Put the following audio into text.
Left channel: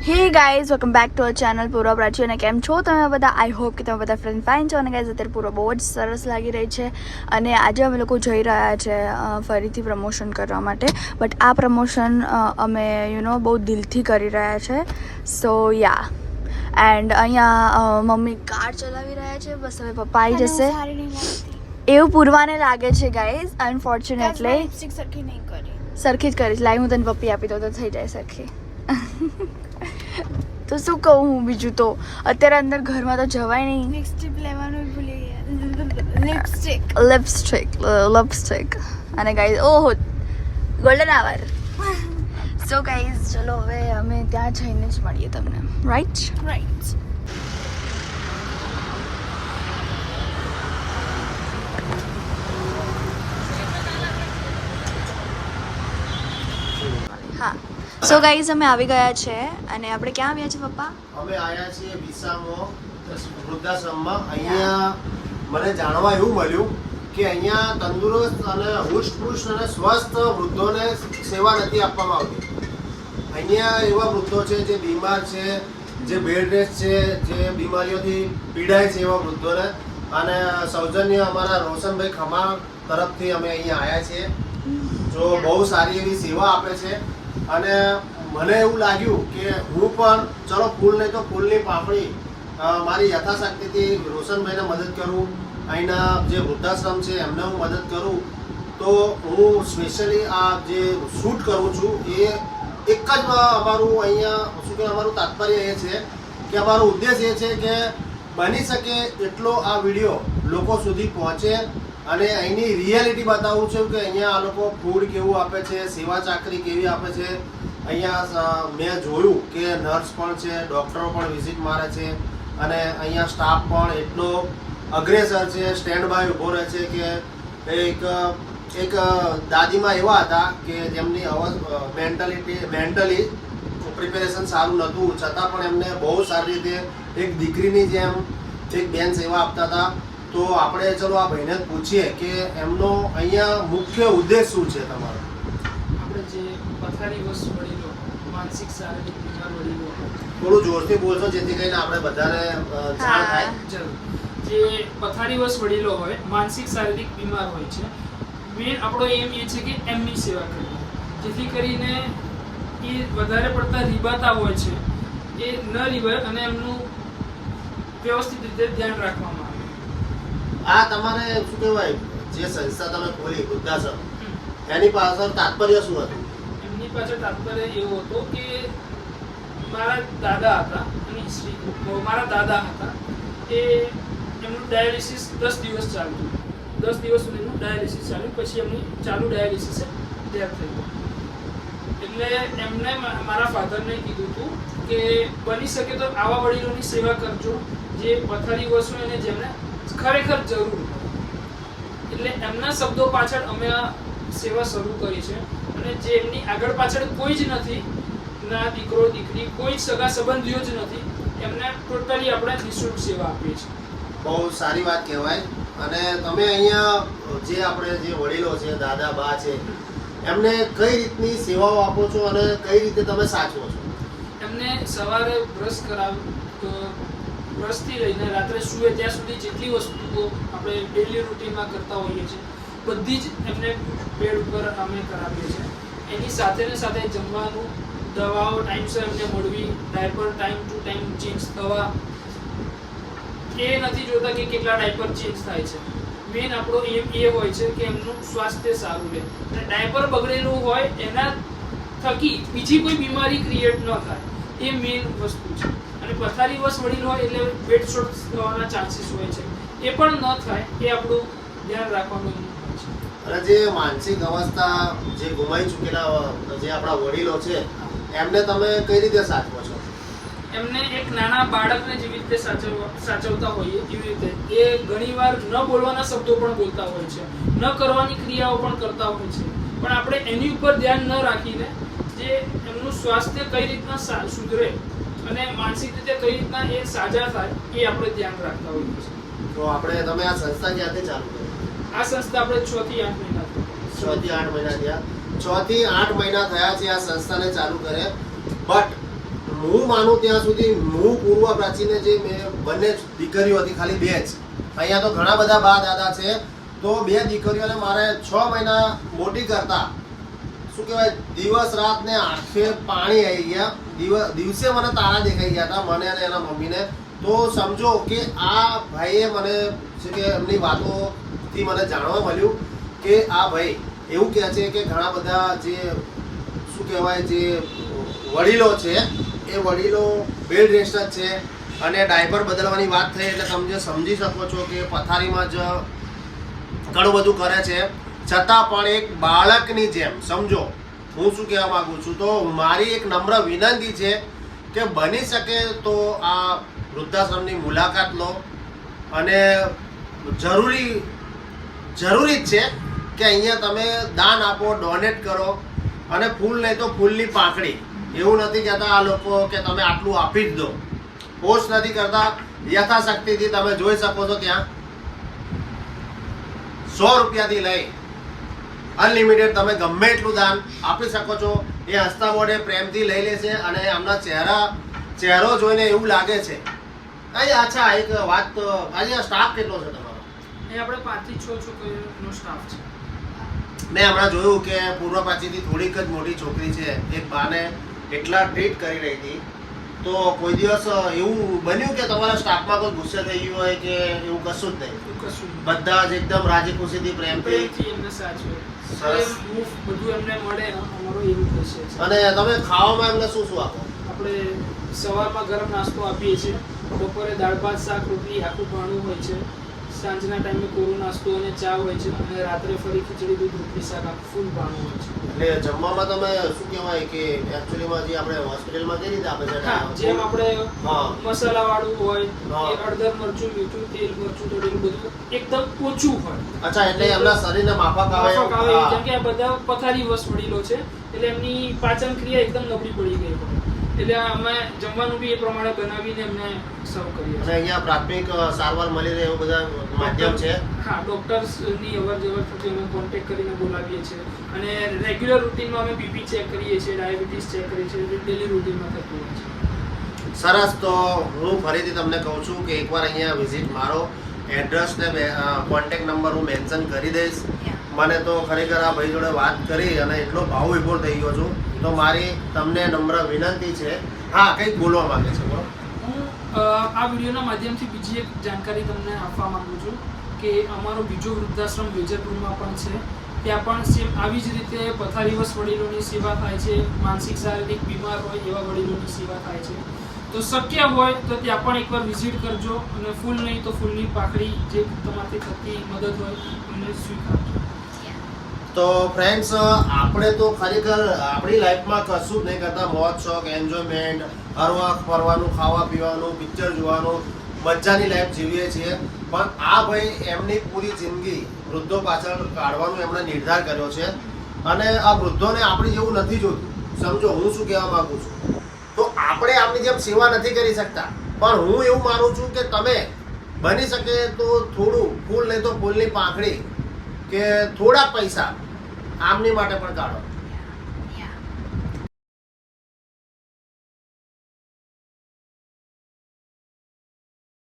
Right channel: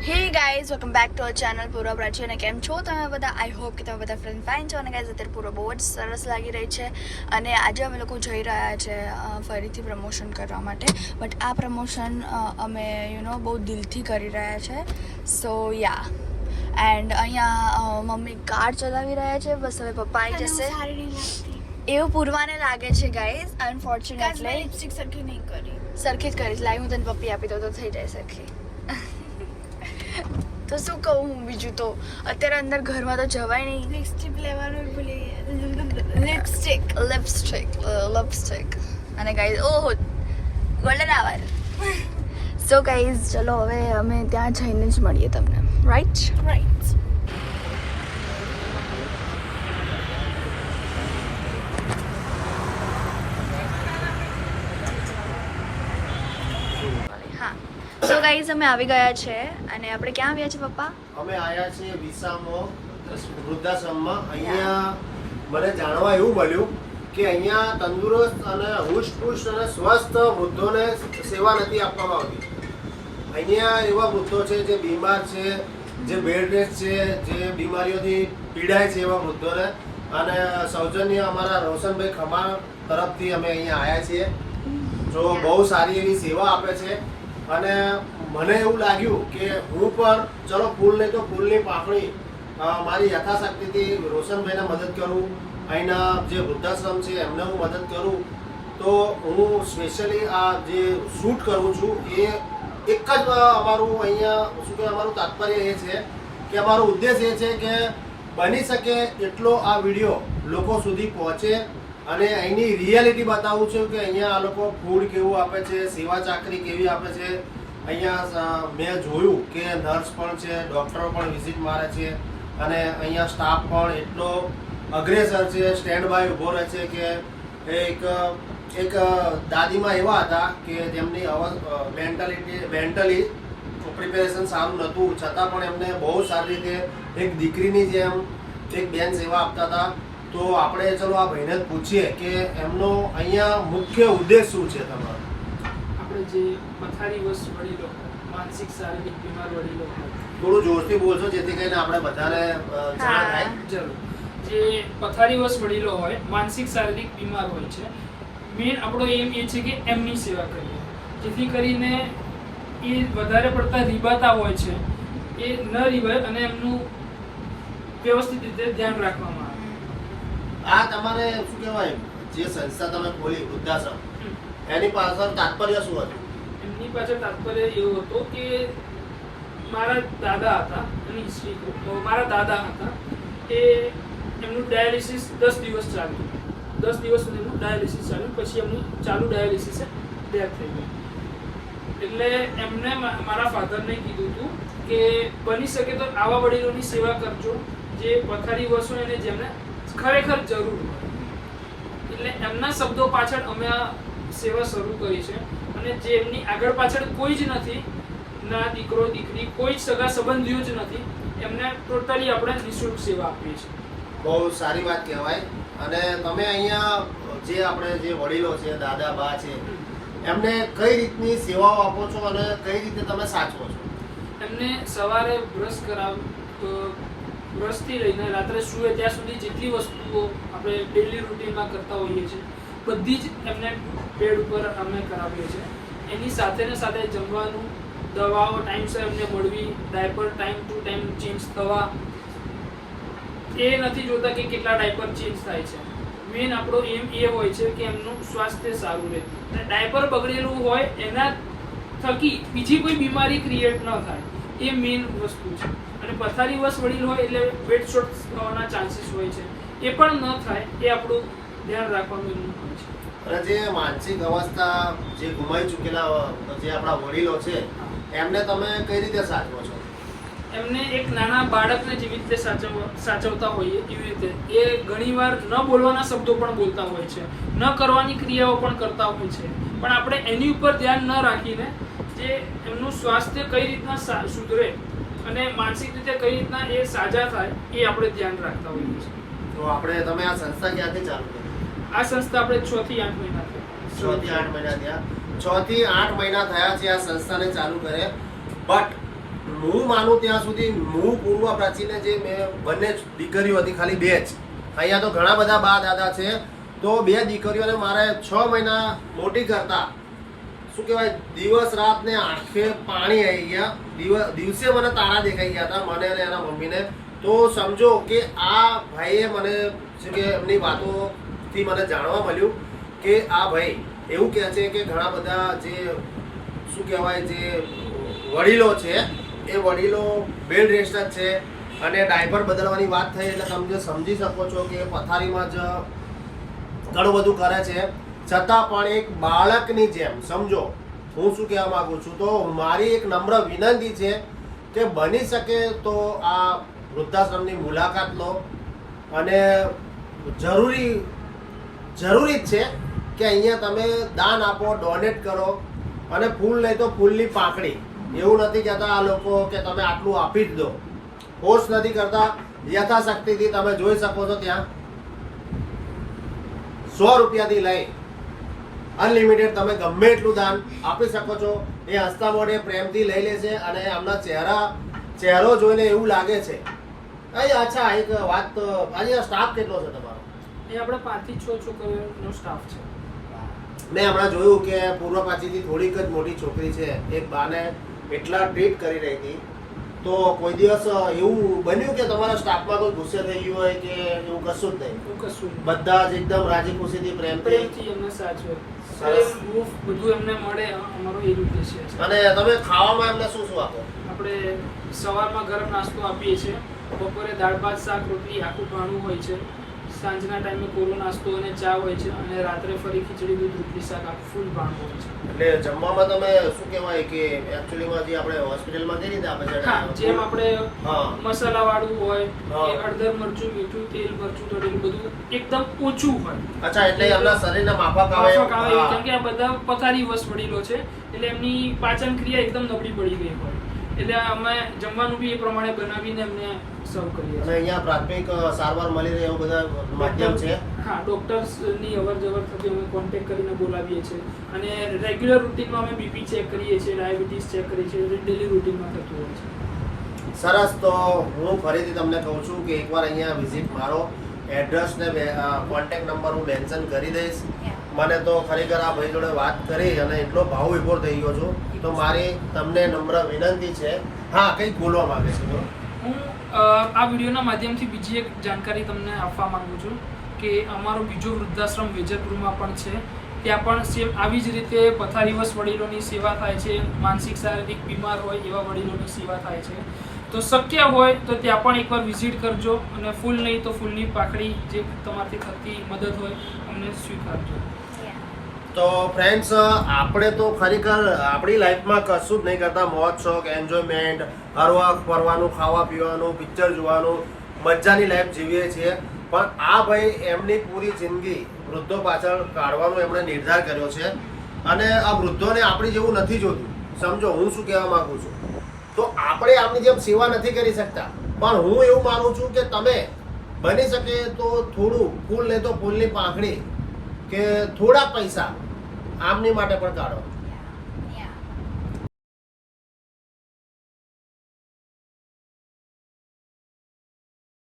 Hey guys welcome back to our channel Purva Prachi અને કેમ છો તમે બધા? આઈ હોપ કે તમે બધા ફ્રેન્ડ ફાઇન છો. અને ગાઈઝ અત્યારે પૂરો બહુ જ સરસ લાગી રહી છે. અને આજે અમે લોકો જઈ રહ્યા છે ફરીથી પ્રમોશન કરવા માટે. બટ આ પ્રમોશન અમે યુ નો બહુ દિલથી કરી રહ્યા છે. સો યા એન્ડ અહીંયા મમ્મી કાર ચલાવી રહ્યા છે. બસ હવે પપ્પા આવી જશે. એવું પૂરવાને લાગે છે ગાઈઝ અનફોર્ચ્યુનેટલી સરખી નહીં કરી. સરખી જ કરીશ લાઈ હું તને પપ્પી આપી દઉં તો થઈ જાય સરખી. તો શું કહું હું બીજું તો? અત્યારે અંદર ઘરમાં તો જવાય નહીં. લિપસ્ટિક લેવાનું ભૂલી ગયા. લિપસ્ટિક લિપસ્ટિક લિપસ્ટિક અને ગાઈઝ ઓહો ગોલ્ડન આવર સો ગાઈઝ ચલો હવે અમે ત્યાં જઈને જ મળીએ તમને. રાઈટ રાઈટ હા સો ગાઈસ અમે આવી ગયા છે અને આપણે ક્યાં આવ્યા છે પપ્પા? અમે આવ્યા છીએ વિસામો વૃદ્ધાશ્રમમાં. અહીંયા મને જાણવા એવું મળ્યું કે અહીંયા તંદુરસ્ત અને હુષ્ટપુષ્ટ અને સ્વસ્થ વૃદ્ધોને સેવા નથી આપવામાં આવતી. અહીંયા એવા વૃદ્ધો છે જે બીમાર છે જે બેડ રેસ્ટ છે જે બીમારીઓથી પીડાય છે એવા વૃદ્ધોને. અને સૌજન્ય અમારા રોશનભાઈ ખમાણ તરફથી અમે અહીંયા આવ્યા છીએ. જો બહુ સારી એવી સેવા આપે છે અને મને એવું લાગ્યું કે હું પણ, ચલો ફૂલ નહીં તો ફૂલની પાપણી મારી યથાશક્તિથી રોશનભાઈને મદદ કરું, અહીંના જે વૃદ્ધાશ્રમ છે એમને હું મદદ કરું. તો હું સ્પેશિયલી આ જે શૂટ કરું છું એ એક જ અમારું અહીંયા, શું કે અમારું તાત્પર્ય એ છે કે અમારો ઉદ્દેશ એ છે કે બની શકે એટલો આ વીડિયો લોકો સુધી પહોંચે અને અહીંની રિયાલિટી બતાવું છું કે અહીંયા આ લોકો ફૂડ કેવું આપે છે, સેવા ચાકરી કેવી આપે છે. અહીંયા મેં જોયું કે નર્સ પણ છે ડૉક્ટરો પણ વિઝિટ મારે છે. અને અહીંયા સ્ટાફ પણ એટલો અગ્રેસર છે સ્ટેન્ડ બાય ઊભો રહે છે કે એક એક દાદીમાં એવા હતા કે તેમની અવાજ મેન્ટલિટી મેન્ટલી પ્રિપેરેશન સારું નહોતું. છતાં પણ એમને બહુ સારી રીતે એક દીકરીની જેમ એક બેન સેવા આપતા હતા. તો આપણે ચલો આ ભાઈને જ પૂછીએ કે એમનો અહીંયા મુખ્ય ઉદ્દેશ શું છે તમારો? આપણે જે પથારી વસ્તુ વડીલો માનસિક શારીરિક બીમાર વડીલો થોડું જોરથી બોલશો જેથી કરીને આપણે બધાને જાણ થાય. જરૂર. જે પથારી વર્ષ વડીલો હોય માનસિક શારીરિક બીમાર હોય છે મેન આપણો એમ એ છે કે એમની સેવા કરવી. જેથી કરીને એ વધારે પડતા રીબાતા હોય છે એ ન રીબાય અને એમનું વ્યવસ્થિત રીતે ધ્યાન રાખવામાં આવે. આ તમારે શું કહેવાય? જે સંસ્થા તમે ખોલી, વૃદ્ધાશ્રમ. એની પાછળ તાત્પર્ય શું હતું? એમની પાછળ તાત્પર્ય એવો હતો કે મારા દાદા હતા, એની મારા દાદા હતા એ એમનું ડાયાલિસિસ દસ દિવસ ચાલતું દસ દિવસ સુધીનું ડાયાલિસિસ ચાલ્યું, પછી એમની ચાલુ ડાયાલિસિસ ડેથ થઈ ગયું. એટલે એમને મારા ફાધરને કીધું હતું કે બની શકે તો આવા વડીલોની સેવા કરજો, જે પથારી વસો એને જેમને ખરેખર જરૂર. એટલે એમના શબ્દો પાછળ અમે આ સેવા શરૂ કરી છે. અને જે એમની આગળ પાછળ કોઈ જ નથી ના દીકરો દીકરી કોઈ જ સગા સંબંધીઓ જ નથી એમને ટોટલી આપણે નિઃશુલ્ક સેવા આપીએ છીએ. બહુ સારી વાત કહેવાય. અને તમે અહીંયા જે આપણે જે વડીલો છે દાદા બા છે એમને કઈ રીતની સેવાઓ આપો છો અને કઈ રીતે તમે સાચવો છો? એમને સવારે બ્રશ કરાવ બ્રશથી લઈને રાત્રે સૂએ ત્યાં સુધી જેટલી વસ્તુઓ આપણે ડેલી રૂટીનમાં કરતા હોઈએ છીએ, બધી જ એમને બેડ ઉપર અમે કરાવીએ છીએ. એની સાથે ને સાથે જમવાનું, દવાઓ ટાઈમસર એમને મળવી diaper time to time change થવા. એ નથી જોતા કે કેટલા ડાયપર ચેન્જ થાય છે. મેઇન આપણો એમ એ હોય છે કે એમનું સ્વાસ્થ્ય સારું રહે. અને ડાયપર બગડેલું હોય એના થકી બીજી કોઈ બીમારી ક્રિએટ ન થાય. એ મેઇન વસ્તુ છે. અને પથારી વસ વડીલ હોય એટલે બેડ શોટ થવાના ચાન્સીસ હોય છે. એ પણ ન થાય એ આપણું ધ્યાન રાખવાનું છે. અને જે માનસિક અવસ્થા જે ગુમાઈ ચૂકેલા જે આપણા વડીલો છે એમને તમે કઈ રીતે સાચવો છો? એમને એક નાના બાળકને જેવી રીતે સાચવ સાચવતા હોઈએ એવી રીતે. એ ઘણીવાર ન બોલવાના શબ્દો પણ બોલતા હોય છે. ન કરવાની ક્રિયાઓ પણ કરતા હોય છે. પણ આપણે એની ઉપર ધ્યાન ન રાખીને જે એમનું સ્વાસ્થ્ય કઈ રીતના સુધરે અને માનસિક રીતે કઈ રીતના એ સાજા થાય એ આપણે ધ્યાન રાખતા હોઈએ છીએ. તો આપણે તમે આ સંસ્થા ક્યાંથી ચાલુ કરી? આ સંસ્થા આપણે છ થી આઠ મહિના છ થી આઠ મહિના થયા. છ થી આઠ મહિના થયા છે આ સંસ્થાને ચાલુ કરે. બટ હું માનું ત્યાં સુધી હું પૂર્વ પ્રાચીને જે મેં બંને દીકરીઓ હતી ખાલી બે જ. અહીંયા તો ઘણા બધા બા દાદા છે. તો બે દીકરીઓને મારે છ મહિના મોટી કરતા શું કહેવાય, દિવસ રાત ને આંખે પાણી આવી ગયા. દિવ- દિવસે મને તારા દેખાઈ ગયા હતા, મને અને એના મમ્મીને. તો સમજો કે આ ભાઈએ મને છે કે એમની વાતોથી મને જાણવા મળ્યું કે આ ભાઈ એવું કહે છે કે ઘણા બધા જે, શું કહેવાય, જે વડીલો છે, એ વડીલો બેડ રેસ્ટ છે અને ડાયપર બદલવાની વાત થઈ. એટલે તમે સમજી શકો છો કે પથારીમાં જ ઘણું બધું કરે છે. છતાં પણ એક બાળકની જેમ, સમજો. હું શું કહેવા માગું છું તો મારી એક નમ્ર વિનંતી છે કે બની શકે તો આ વૃદ્ધાશ્રમની મુલાકાત લો. અને જરૂરી જરૂરી જ છે કે અહીંયા તમે દાન આપો, ડોનેટ કરો. અને ફૂલ નહીં તો ફૂલની પાંખડી. એવું નથી કહેતા આ લોકો કે તમે આટલું આપી જ દો. પોસ્ટ નથી કરતા. યથાશક્તિથી તમે જોઈ શકો છો ત્યાં. સો રૂપિયાથી લઈ અનલિમિટેડ તમે ગમે એટલું દાન આપી શકો છો. એ હસતા મોઢે પ્રેમથી લઈ લે છે અને એમના ચહેરા ચહેરો જોઈને એવું લાગે છે. અહીં અચ્છા એક વાત આજે સ્ટાફ કેટલો છે તમારો? એ આપણે પાંચથી છ છોકરીઓનો સ્ટાફ છે. મેં હમણાં જોયું કે પૂર્વ પાછીથી થોડીક જ મોટી છોકરી છે. એક બાને એટલા ટ્રીટ કરી રહી હતી તો કોઈ દિવસ એવું બન્યું કે તમારા સ્ટાફમાં કોઈ ગુસ્સે થઈ ગયું હોય કે એવું કશું જ નહીં? કશું બધા જ એકદમ રાજી ખુશીથી પ્રેમથી પ્રેમથી એમને સાચવે. સરસ. બધું એમને મળે અમારો એવું છે. અને તમે ખાવામાં એમને શું શું આપો? આપણે સવારમાં ગરમ નાસ્તો આપીએ છીએ. બપોરે દાળ ભાત શાક રોટલી આખું ભાણું હોય છે. સાંજના ટાઈમે કોરો નાસ્તો અને ચા હોય છે અને રાત્રે ફરી ખીચડી દૂધ રોટલી શાક આખું ફૂલ ભાણું હોય છે. એટલે જમવામાં તમે શું કહેવાય કે એકચ્યુઅલીમાં જે આપણે હોસ્પિટલમાં કઈ રીતે આપે હા જેમ આપણે મસાલા વાળું હોય. કે હળદર મરચું મીઠું તેલ મરચું તળેલું બધું એકદમ ઓછું હોય. અચ્છા એટલે એમના શરીરને માફક આવે માફક આવે કેમ કે આ બધા પથારી વસ વડીલો છે એટલે એમની પાચન ક્રિયા એકદમ નબળી પડી ગઈ હોય. એટલે અમે જમવાનું બી એ પ્રમાણે બનાવીને એમને સર્વ કરીએ અને છીએ અહીંયા પ્રાથમિક સારવાર મળી રહે એવું બધા માધ્યમ છે? હા ડોક્ટર્સની અવર જવર થતી અમે કોન્ટેક્ટ કરીને બોલાવીએ છીએ. અને રેગ્યુલર રૂટીનમાં અમે બીપી ચેક કરીએ છીએ ડાયાબિટીસ ચેક કરીએ છીએ ડેલી રૂટીનમાં થતું હોય છે. સરસ તો હું ફરીથી તમને કહું છું કે એકવાર અહીંયા વિઝિટ મારો એડ્રેસ ને કોન્ટેક્ટ નંબર હું મેન્શન કરી દઈશ. મને તો ખરેખર આ ભાઈ જોડે વાત કરી અને એટલો ભાવ વિભોર થઈ ગયો છું. તો મારી તમને નમ્ર વિનંતી છે. હા, કંઈક બોલવા માંગુ છે. હું આ વિડીયોના માધ્યમથી બીજી એક જાણકારી તમને આપવા માંગુ છું કે અમારો બીજો વૃદ્ધાશ્રમ વેજરપુરમાં પણ છે. ત્યાં પણ સેમ આવી જ રીતે પથારીવશ વડીલોની સેવા થાય છે. માનસિક શારીરિક બીમાર હોય એવા વડીલોની સેવા થાય છે. તો શક્ય હોય તો ત્યાં પણ એકવાર વિઝિટ કરજો અને ફૂલ નહીં તો ફૂલની પાકડી જે તમારાથી થતી મદદ હોય, અમને સ્વીકારજો. તો ફ્રેન્ડ્સ આપણે તો ખરેખર આપણી લાઈફમાં કશું જ નહીં કરતા. મોજ, શોખ એન્જોયમેન્ટ હરવા ફરવાનું, ખાવા પીવાનું પિક્ચર જોવાનું, મજાની લાઈફ જીવીએ છીએ. પણ આ ભાઈ એમની પૂરી જિંદગી વૃદ્ધો પાછળ કાઢવાનો એમણે નિર્ધાર કર્યો છે. અને આ વૃદ્ધોને આપણી જેવું નથી જોતું. સમજો, હું શું કહેવા માગું છું? તો આપણે આપણી જેમ સેવા નથી કરી શકતા. પણ હું એવું માનું છું કે તમે બની શકે તો થોડું ફૂલ નહીં તો ફૂલની પાંખડી કે થોડા પૈસા આમની માટે પણ કાઢો.